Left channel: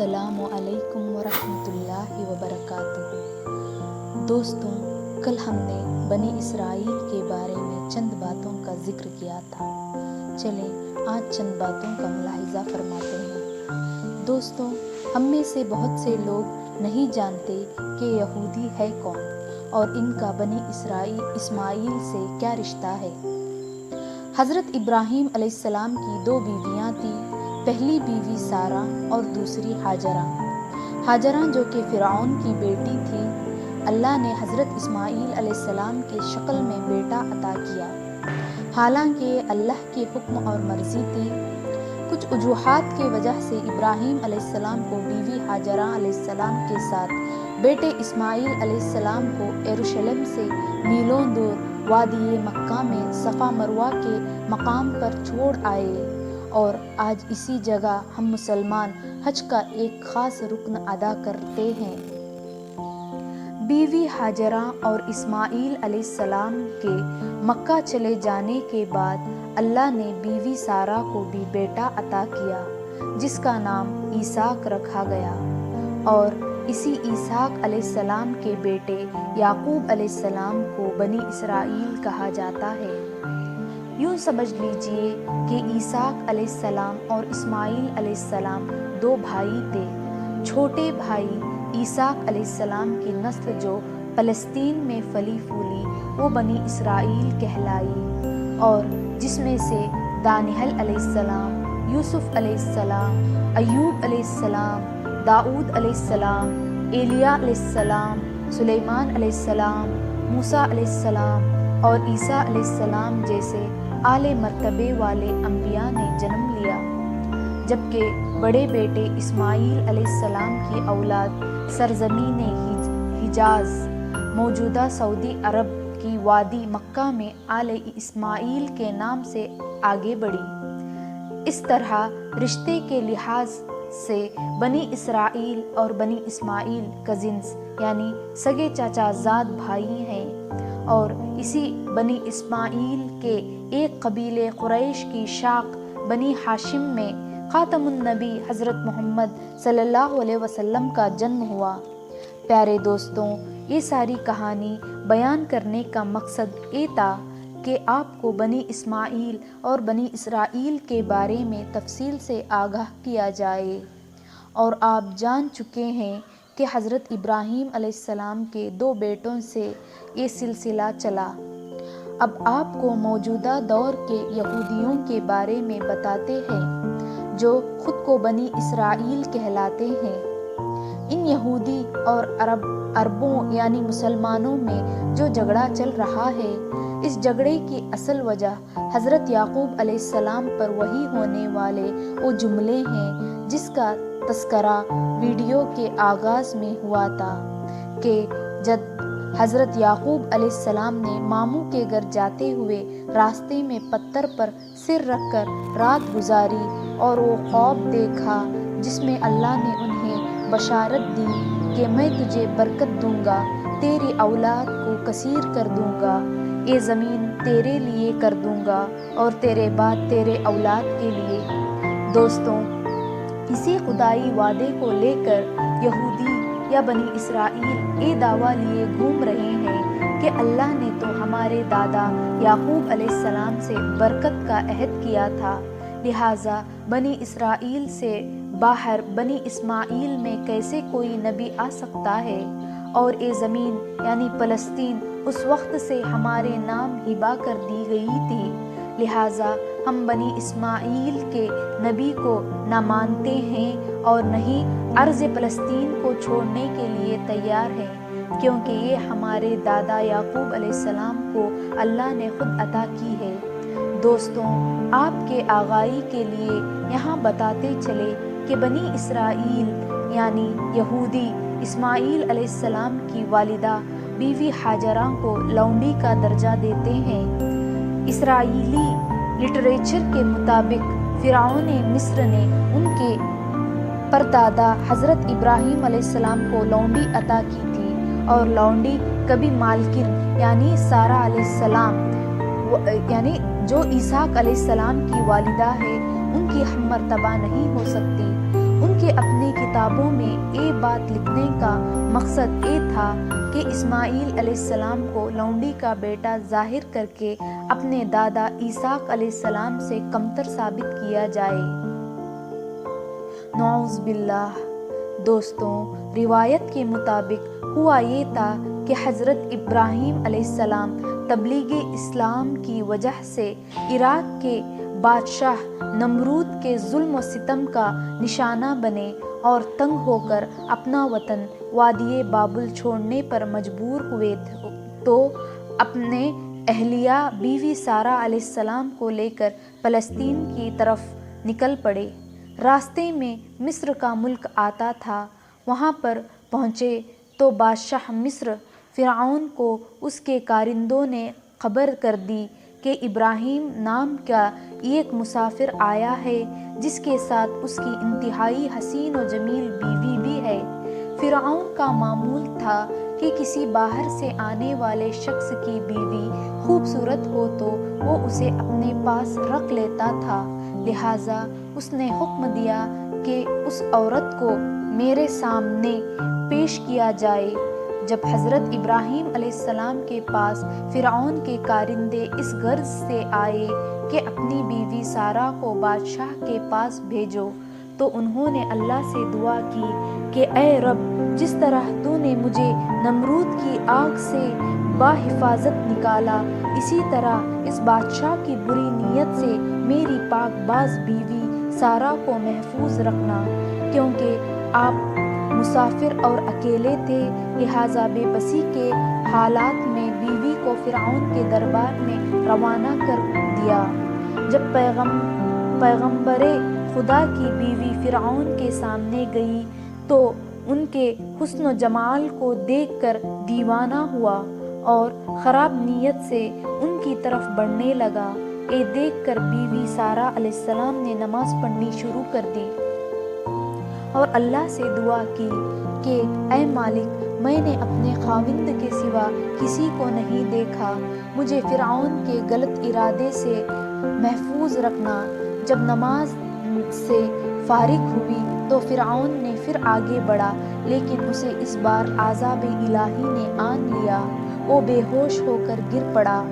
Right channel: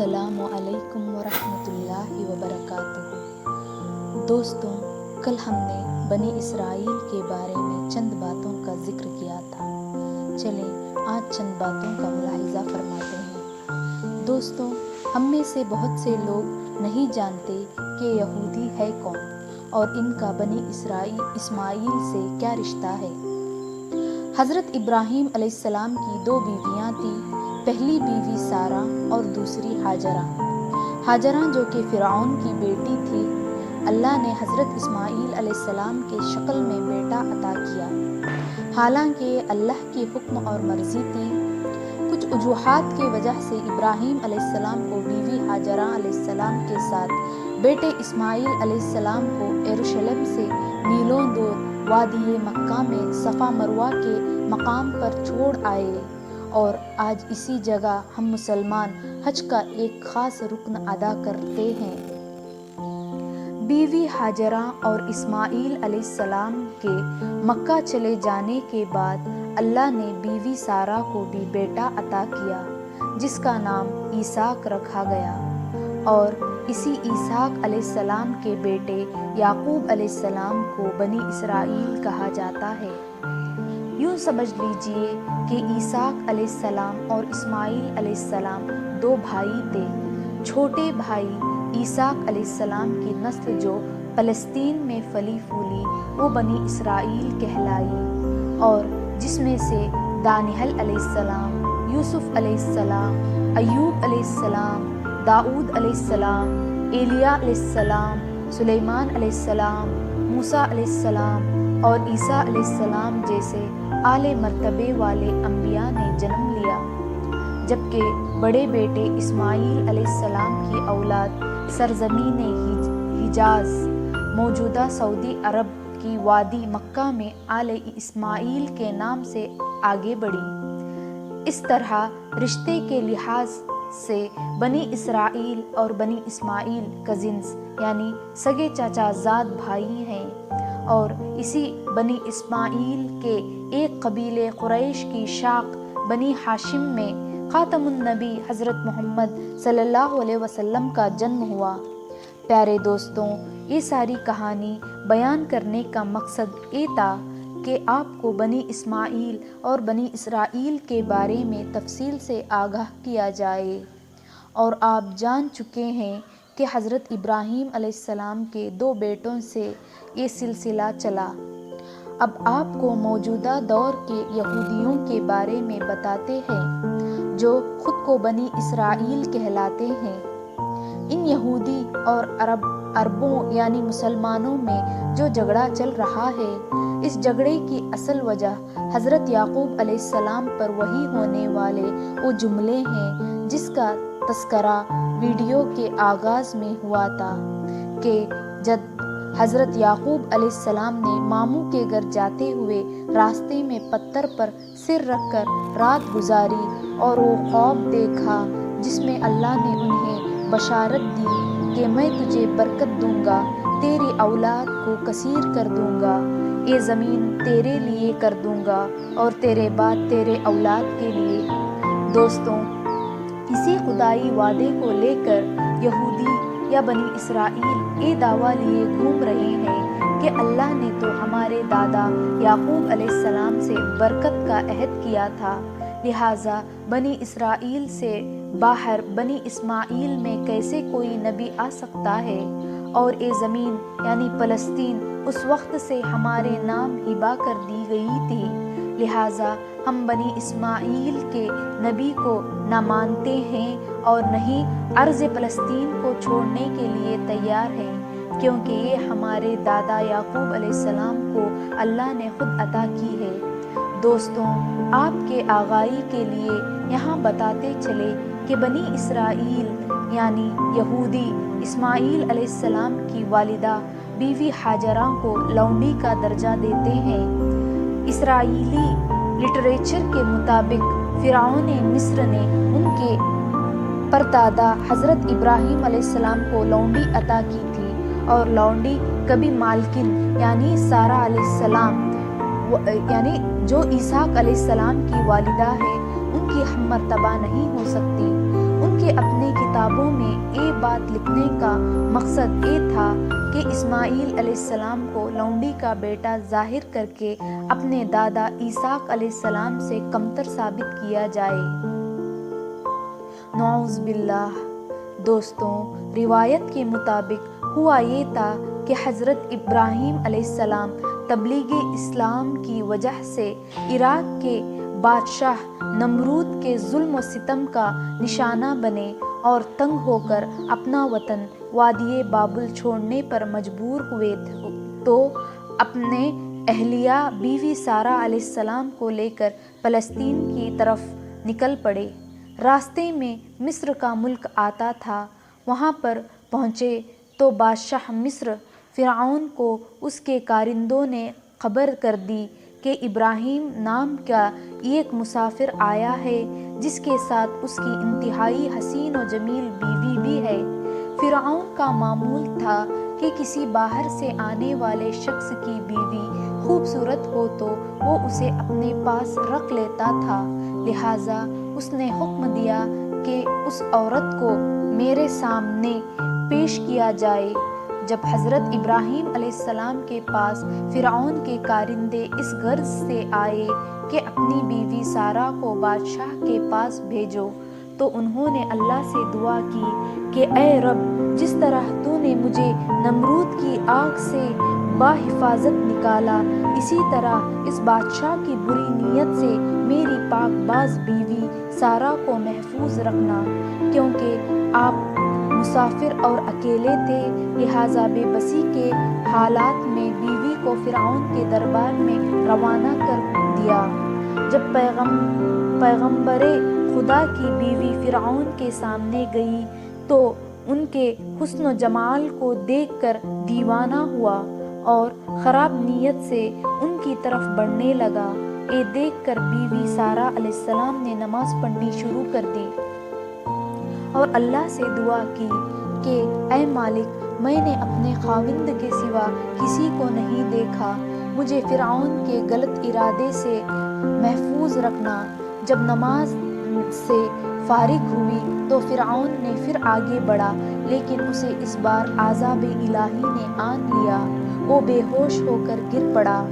السلام علیکم ورحمۃ اللہ وبرکاتہ۔ دوستوں، کل ہم نے بنی اسرائیل کے بارے میں چند باتوں کا ذکر کیا تھا۔ چلیں آج چند باتوں کا ملاحظہ فرماتے ہیں۔ دوستوں، ہم میں سے بہت سے لوگ نہیں جانتے کہ یہودی ہے کون اور ان کا بنی اسماعیل سے کیا رشتہ ہے۔ حضرت ابراہیم علیہ السلام کی 2 بیویاں تھیں، پہلی بیوی سارہ اور دوسری ہاجرہ۔ ہاجرہ جو کہ فرعون کی بیٹی تھی، اللہ نے حضرت اسماعیل علیہ السلام کے شکل میں بیٹا عطا کیا، حالانکہ اللہ کی حکم اور مرضی تھی۔ کچھ وجوہات کی وجہ سے ابراہیم علیہ السلام کو بیوی ہاجرہ علیہ السلام کے ساتھ بیٹے اسماعیل علیہ السلام کو یروشلم سے میلوں دور وادی مکہ میں صفا مروہ کے مقام پر چھوڑ آئے، اور آج اسی جگہ ہم مسلمان حج کا ایک خاص رکن ادا کرتے ہیں۔ بیوی ہاجرہ اور اسماعیل علیہ السلام کے مکہ چلے جانے کے بعد اللہ نے بیوی سارہ کو بھی بیٹا عطا کیا، جس کا نام اسحاق رکھا گیا، اور اسی اسحاق علیہ السلام کے بیٹے یعقوب علیہ السلام کو بنی اسرائیل کہا جاتا ہے۔ یوں سمجھ لیجئے کہ اسحاق علیہ السلام اور اسماعیل علیہ السلام 2 بھائی تھے۔ چھوٹے بھائی اسحاق علیہ السلام کی نسل جو فلسطین میں پلی پھولی وہ بنی اسرائیل کہلائی، اور جس میں سے دانیال علیہ السلام، یوسف علیہ السلام، ایوب علیہ السلام، داؤد علیہ السلام، ایلیا علیہ السلام، سلیمان علیہ السلام، موسیٰ علیہ السلام اور عیسیٰ علیہ السلام جیسے اعلی مرتبے والے انبیاء نے جنم لیا، جبکہ بڑے بیٹے اسماعیل علیہ السلام کی اولاد سرزمین حجاز، موجودہ سعودی عرب کی وادی مکہ میں آل اسماعیل کے نام سے آگے بڑھی۔ اس طرح رشتے کے لحاظ سے بنی اسرائیل اور بنی اسماعیل کزنز یعنی سگے چاچا زاد بھائی ہیں، اور اسی بنی اسماعیل کے ایک قبیلے قریش کی شاخ بنی ہاشم میں خاتم النبی حضرت محمد صلی اللہ علیہ وسلم کا جنم ہوا۔ پیارے دوستوں، یہ ساری کہانی بیان کرنے کا مقصد یہ تھا کہ آپ کو بنی اسماعیل اور بنی اسرائیل کے بارے میں تفصیل سے آگاہ کیا جائے، اور آپ جان چکے ہیں کہ حضرت ابراہیم علیہ السلام کے 2 بیٹوں سے یہ سلسلہ چلا۔ اب آپ کو موجودہ دور کے یہودیوں کے بارے میں بتاتے ہیں، جو خود کو بنی اسرائیل کہلاتے ہیں۔ ان یہودی اور عربوں یعنی مسلمانوں میں جو جھگڑا چل رہا ہے، اس جھگڑے کی اصل وجہ حضرت یعقوب علیہ السلام پر وحی ہونے والے وہ جملے ہیں جس کا تذکرہ ویڈیو کے آغاز میں ہوا تھا کہ جب حضرت یعقوب علیہ السلام نے ماموں کے گھر جاتے ہوئے راستے میں پتھر پر سر رکھ کر رات گزاری اور وہ خواب دیکھا جس میں اللہ نے انہیں بشارت دی کہ میں تجھے برکت دوں گا، تیری اولاد کو کثیر کر دوں گا، یہ زمین تیرے لیے کر دوں گا اور تیرے بعد تیرے اولاد کے لیے۔ دوستوں، اسی خدائی وعدے کو لے کر یہودی یا بنی اسرائیل یہ دعویٰ لیے گھوم رہے ہیں کہ اللہ نے تو ہمارے دادا یعقوب علیہ السلام سے برکت کا عہد کیا تھا، لہٰذا بنی اسرائیل سے باہر بنی اسماعیل میں کیسے کوئی نبی آ سکتا ہے، اور یہ زمین یعنی فلسطین اس وقت سے ہمارے نام ہبہ کر دی گئی تھی، لہٰذا ہم بنی اسماعیل کے نبی کو نہ مانتے ہیں اور نہ ہی ارض فلسطین کو چھوڑنے کے لیے تیار ہیں، کیونکہ یہ ہمارے دادا یعقوب علیہ السلام کو اللہ نے خود عطا کی ہے۔ دوستوں، آپ کے آگاہی کے لیے یہاں بتاتے چلے کہ بنی اسرائیل یعنی یہودی اسماعیل علیہ السلام کی والدہ بیوی ہاجرہ کو لونڈی کا درجہ دیتے ہیں۔ اسرائیلی لٹریچر کے مطابق فرعون مصر نے ان کے پردادا حضرت ابراہیم علیہ السلام کو لونڈی عطا کی تھی، اور لونڈی کبھی مالکن یعنی سارہ علیہ السلام یعنی جو اسحاق علیہ السلام کی والدہ ہے ان کی ہم مرتبہ نہیں ہو سکتی، ان کے اپنے کتابوں میں یہ بات لکھنے کا مقصد یہ تھا کہ اسماعیل علیہ السلام کو لونڈی کا بیٹا ظاہر کر کے اپنے دادا اسحاق علیہ السلام سے کمتر ثابت کیا جائے۔ نعوذ باللہ۔ دوستوں، روایت کے مطابق ہوا یہ تھا کہ حضرت ابراہیم علیہ السلام تبلیغ اسلام کی وجہ سے عراق کے بادشاہ نمرود کے ظلم و ستم کا نشانہ بنے اور تنگ ہو کر اپنا وطن وادی بابل چھوڑنے پر مجبور ہوئے تو اپنے اہلیہ بیوی سارہ علیہ السلام کو لے کر فلسطین کی طرف نکل پڑے۔ راستے میں مصر کا ملک آتا تھا، وہاں پر پہنچے تو بادشاہ مصر فرعون کو اس کے کارندوں نے خبر کر دی کہ ابراہیم نام کا ایک مسافر آیا ہے جس کے ساتھ اس کی انتہائی حسین و جمیل بیوی بھی ہے۔ فرعون کا معمول تھا کہ کسی باہر سے آنے والے شخص کی بیوی خوبصورت ہو تو وہ اسے اپنے پاس رکھ لیتا تھا، لہٰذا اس نے حکم دیا کہ اس عورت کو میرے سامنے پیش کیا جائے۔ جب حضرت ابراہیم علیہ السلام کے پاس فرعون کے کارندے اس غرض سے آئے کہ اپنی بیوی سارہ کو بادشاہ کے پاس بھیجو تو انہوں نے اللہ سے دعا کی کہ اے رب، جس طرح تو نے مجھے نمرود کی آگ سے بحفاظت نکالا، اسی طرح اس بادشاہ کی بری نیت سے میری پاک باز بیوی سارہ کو محفوظ رکھنا، کیونکہ آپ مسافر اور اکیلے تھے، لہٰذا بے بسی کے حالات میں بیوی کو فرعون کے دربار میں روانہ کر دیا۔ جب پیغمبر خدا کی بیوی فرعون کے سامنے گئی تو ان کے حسن و جمال کو دیکھ کر دیوانہ ہوا اور خراب نیت سے ان کی طرف بڑھنے لگا۔ یہ دیکھ کر بیوی سارہ علیہ السلام نے نماز پڑھنی شروع کر دی اور اللہ سے دعا کی کہ اے مالک، میں نے اپنے خاوند کے سوا کسی کو نہیں دیکھا، مجھے فرعون کے غلط ارادے سے محفوظ رکھنا۔ جب نماز سے فارغ ہوئی تو فرعون نے پھر آگے بڑھا، لیکن اسے اس بار عذاب الہی نے آن لیا، وہ بے ہوش ہو کر گر پڑا۔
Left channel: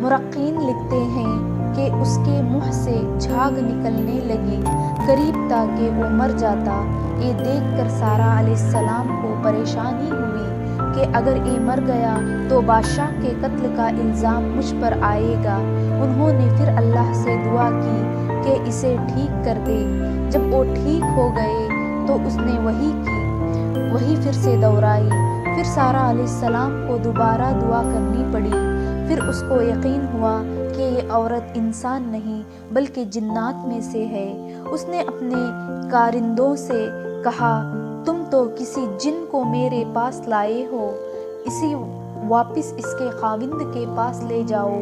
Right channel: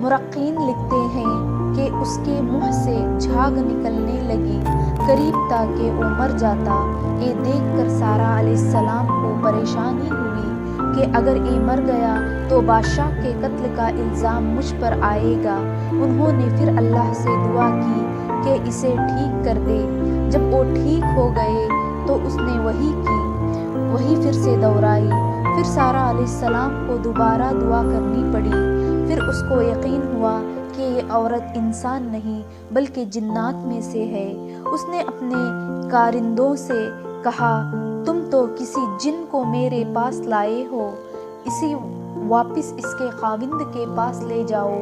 مرخین لکھتے ہیں کہ اس کے منہ سے جھاگ نکلنے لگی، قریب تھا کہ وہ مر جاتا۔ یہ دیکھ کر سارہ علیہ السلام کو پریشانی ہوئی کہ اگر یہ مر گیا تو بادشاہ کے قتل کا الزام مجھ پر آئے گا۔ انہوں نے پھر اللہ سے دعا کی کہ اسے ٹھیک کر دے۔ جب وہ ٹھیک ہو گئے تو اس نے وہی پھر سے دہرائی۔ پھر سارہ علیہ السلام کو دوبارہ دعا کرنی پڑی۔ پھر اس کو یقین ہوا کہ یہ عورت انسان نہیں بلکہ جنات میں سے ہے۔ اس نے اپنے کارندوں سے کہا، تم تو کسی جن کو میرے پاس لائے ہو، اسے واپس اس کے خاوند کے پاس لے جاؤ۔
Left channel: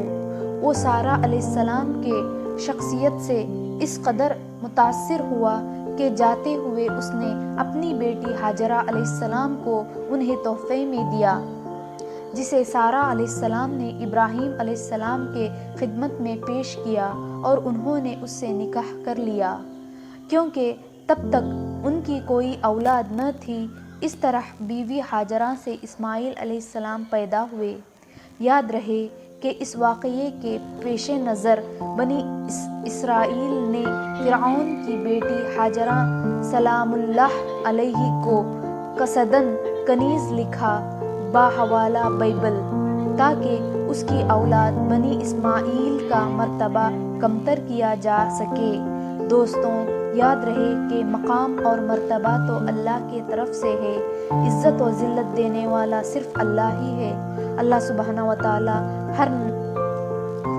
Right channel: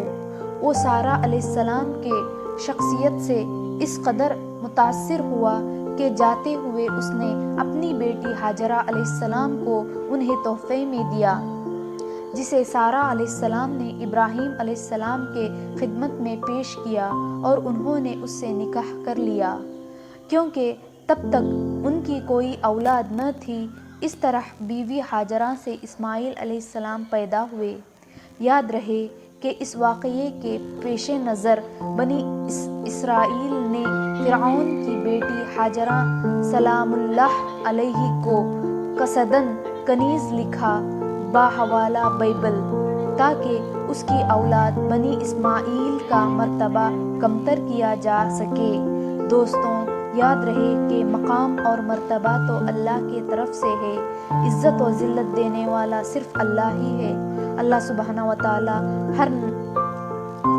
وہ سارہ علیہ السلام کے شخصیت سے اس قدر متاثر ہوا کہ جاتے ہوئے اس نے اپنی بیٹی ہاجرہ علیہ السلام کو انہیں تحفے میں دیا، جسے سارہ علیہ السلام نے ابراہیم علیہ السلام کے خدمت میں پیش کیا اور انہوں نے اس سے نکاح کر لیا، کیونکہ تب تک ان کی کوئی اولاد نہ تھی۔ اس طرح بیوی ہاجرہ سے اسماعیل علیہ السلام پیدا ہوئے۔ یاد رہے کہ اس واقعے کے پیش نظر بنی اسرائیل نے فرعون کی بیٹی ہاجرہ سلام اللہ علیہ کو قصداً کنیز لکھا بحوالہ بائبل، تاکہ اس کی اولاد بنی اسماعیل کا مرتبہ کمتر کیا جا سکے۔ دوستوں، یاد رہے کہ مقام اور مرتبہ تو اللہ کی طرف سے ہے، عزت و ذلت دینے والا صرف اللہ ہی ہے۔ اللہ سبحانہ و تعالی ہر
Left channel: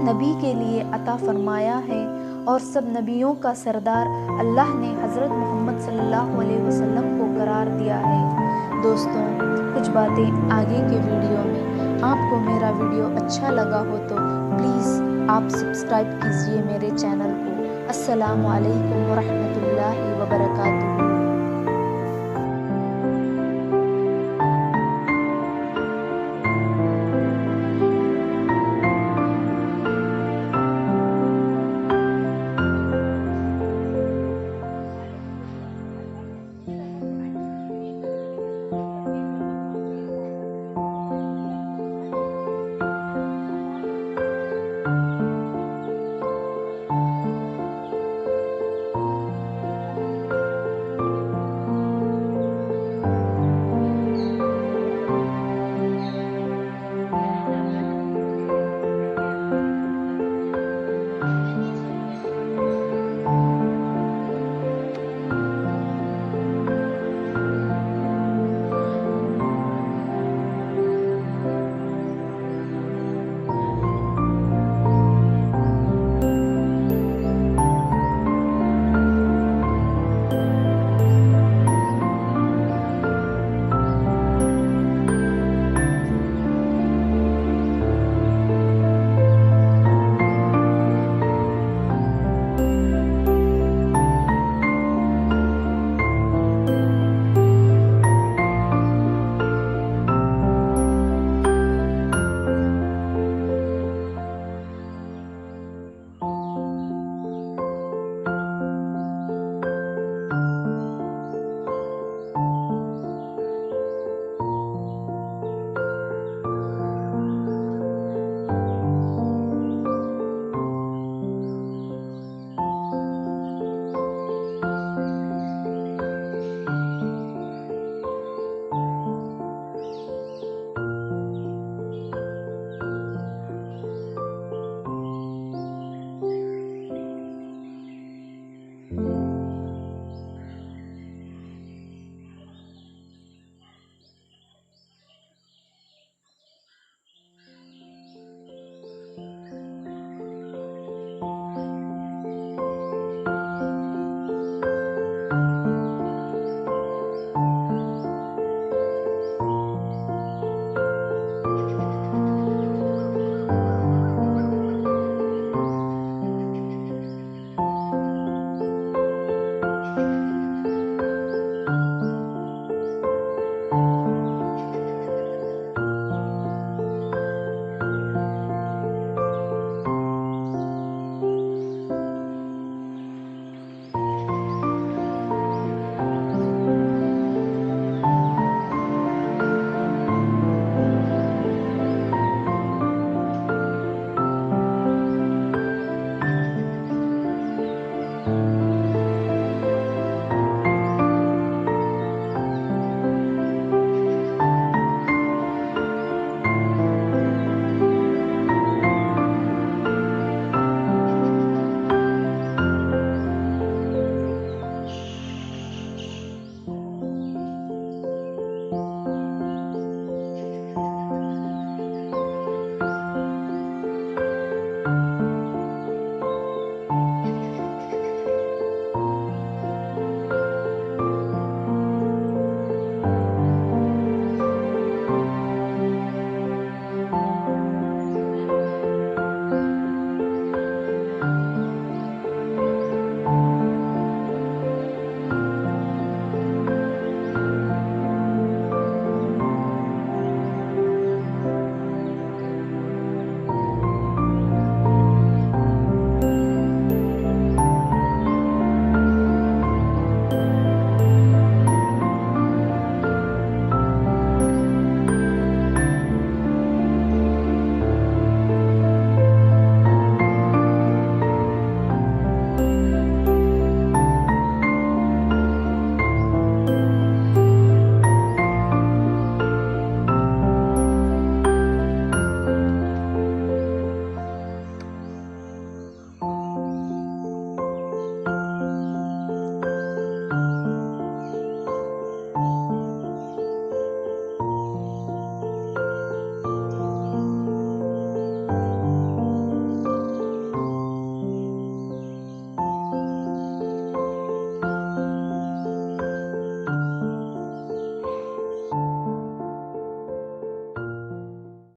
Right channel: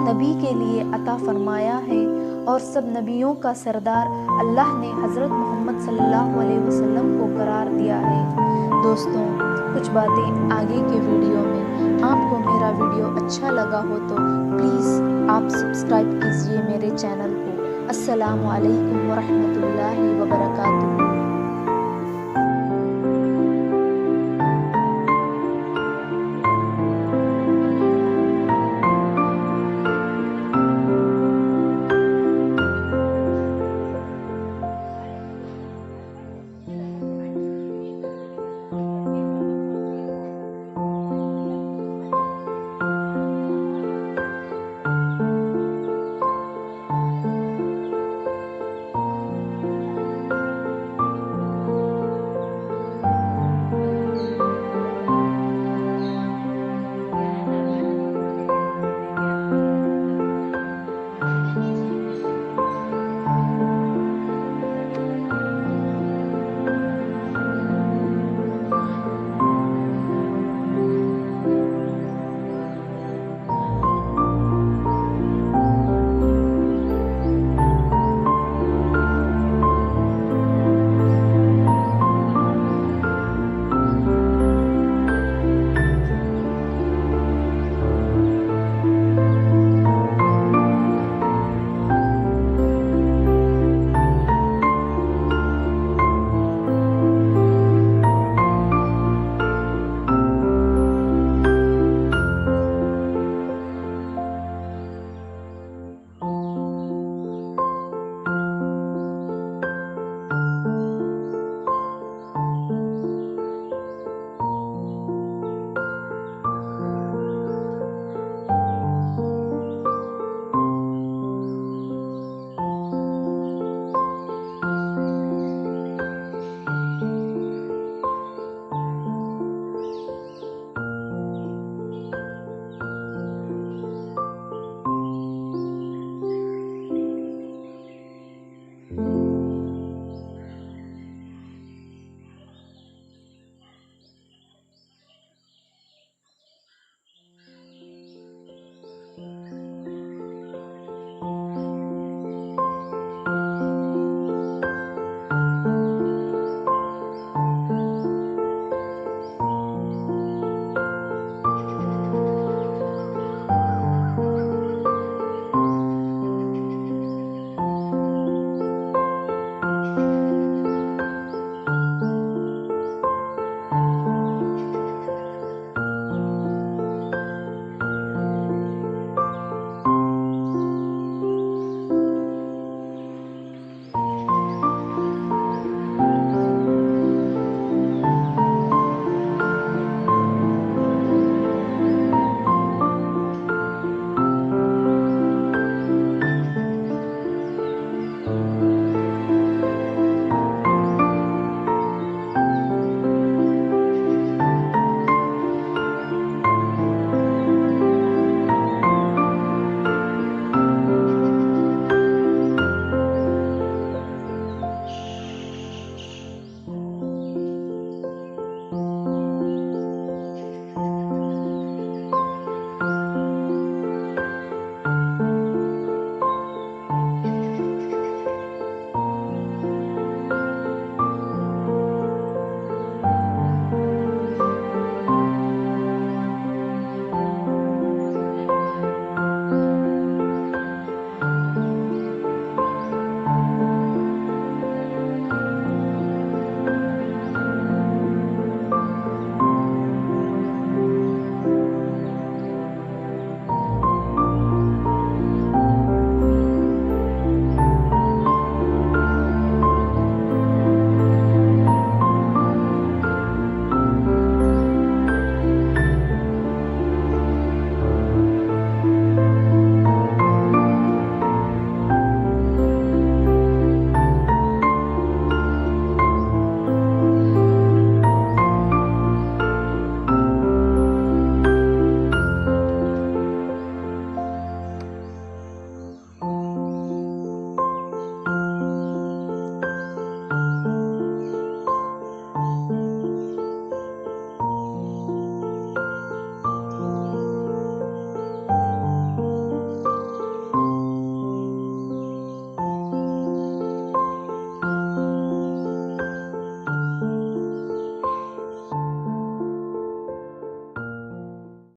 نبی کے لیے عطا فرمایا ہے اور سب نبیوں کا سردار اللہ نے حضرت محمد صلی اللہ علیہ وسلم کو قرار دیا ہے۔ دوستوں، کچھ باتیں آگے کے ویڈیو میں۔ آپ کو میرا ویڈیو اچھا لگا ہو تو پلیز آپ سبسکرائب کیجئے میرے چینل کو۔ السلام علیکم ورحمۃ اللہ وبرکاتہ۔